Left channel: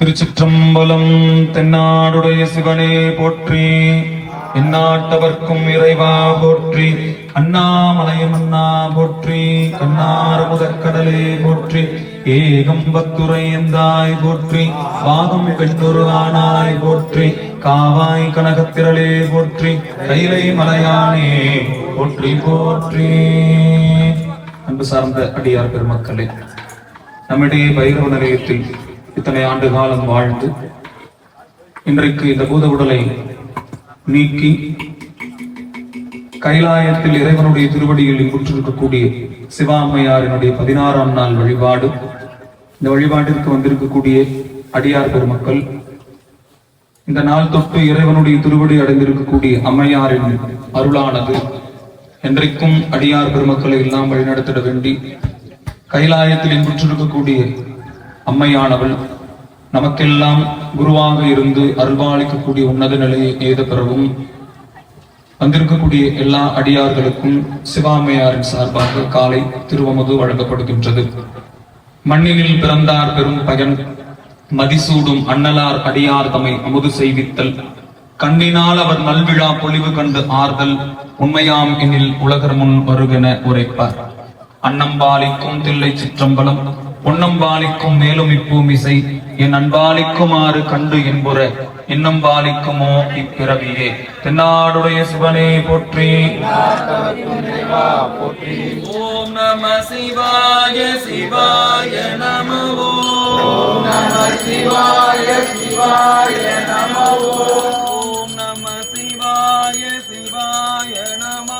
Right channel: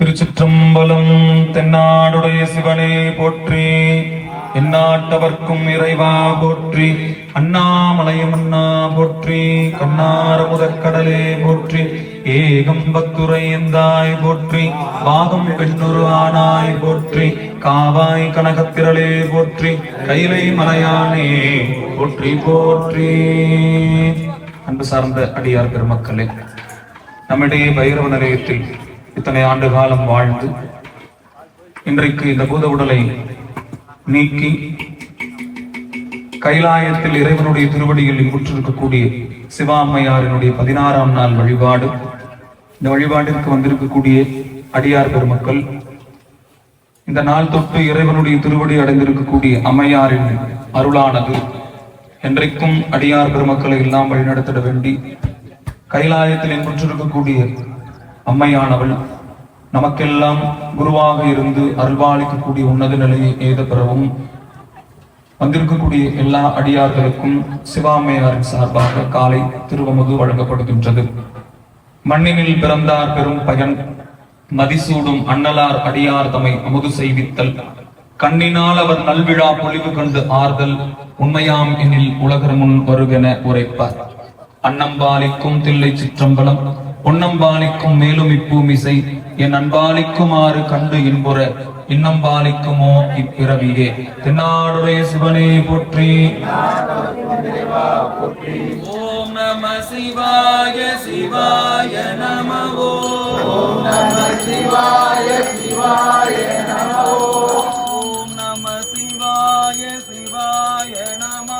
திருச்சிற்றம்பலம் தென்னாடுடைய சிவனே போற்றி எந்நாட்டவர்க்கும் இறைவா போற்றி அண்ணாமலையும் அண்ணா போற்றி கண்ணார முதற்கடலே போற்றி ஏகம்பத்துரை எந்தாய் போற்றி பாகம் பெண்ணொரு ஆனாய் போற்றி காவாய் கனகத்திரளே போற்றி கைலை மலையானே போற்றி போற்றி. அன்பு சார்ந்த அடியார் பெருமக்களே நம்மிடையே பைரவ நிலையத்தில் இத்தனை ஆண்டு காலம் வாழ்ந்து இன்றைக்கு இந்த பூத உடலை நீக்கி கைலாயத்தில் இறைவனுடைய திருவடிகளில் முற்றிருக்கக்கூடிய சிவாமையாரினுடைய பதினாறாம் நாள் வழிபாடு. இந்த வழிபாட்டிற்கு வந்திருக்கக்கூடிய அடியார் பெருமக்கள் இந்த நாள் தொட்டு இறைவனுடைய திருவடி அடைந்திருக்கக்கூடிய அம்மையாரின் அருளானது என்றைக்கும் அடியார் பெருமக்களை எல்லாம் வழிநடத்திட வேண்டி கைலாயத்தில் இன்புற்றிருக்கக்கூடிய அம்மையானவள் நமக்கெல்லாம் குருவாக இருந்து அருள்வாளிக்கக்கூடிய உன்னத நிலையை எய்த பெறவும் வந்திருக்கக்கூடிய எல்லா அடியார்களுக்கும் சிவாமையாரின் சார்பாக காலை திருவமது வழங்கப்படுகின்றது. மண்ணினில் பிறந்தார் பெரும் பயன் மதிசூடும் அண்ணலார் அடியார் தமை அமுது செய்வித்தல். கண்ணினால் அவர் நல்விழா பொலிவு கண்டு ஆறுதல் உண்மையாம் எனில் உலகர் முன் வருகென உரைப்பார். அன்னம்பாலிக்கும் தில்லை சிற்றம்பலம் பொன்னம்பாலிக்கும் மேலும் இப்பூமிசை என் அன்பாலிக்குமாறு கண்டு என்புற இன்னம்பாலிக்குமோ இப்பிறவியே. தென்னாடுடைய சிவனே போற்றி. ஓம் நம சிவாய சிவாய நமவோ. ஓம் நம சிவாய சிவாய நமவோ. ஓம் நம சிவாய சிவாய நம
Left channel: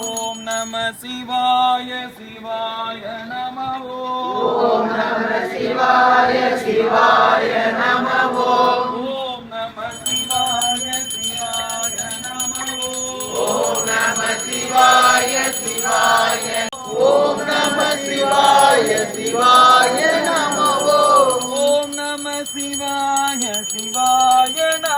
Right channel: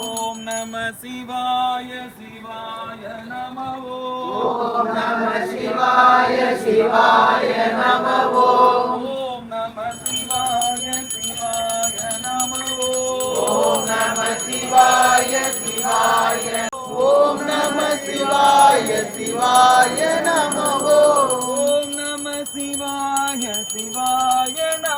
ஓம் நம சிவாய சிவாய நம ஓம் நம சிவாய சிவாய நம ஓம் நம சிவாய சிவாய நம ஓம் நம சிவாய சிவாய ஓம் நம சிவாய சிவாய நம ஓம் நம சிவாய சிவாய நம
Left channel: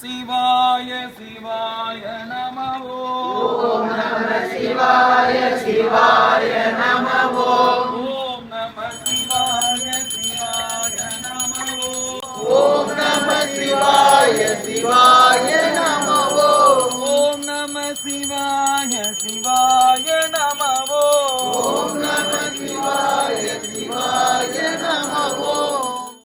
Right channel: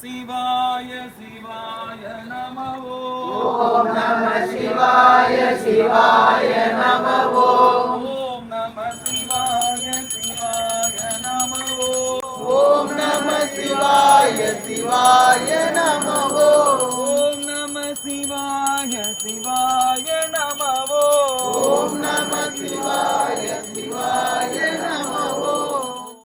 శివాయ శివాయ నమవో ఓం నమ శివాయ శివాయ నమవో ఓం నమ శివాయ శివాయ నమవో ఓం నమ. శివాయ శివాయ నమవో ఓం నమ శివాయ శివాయ నమవో ఓం నమ.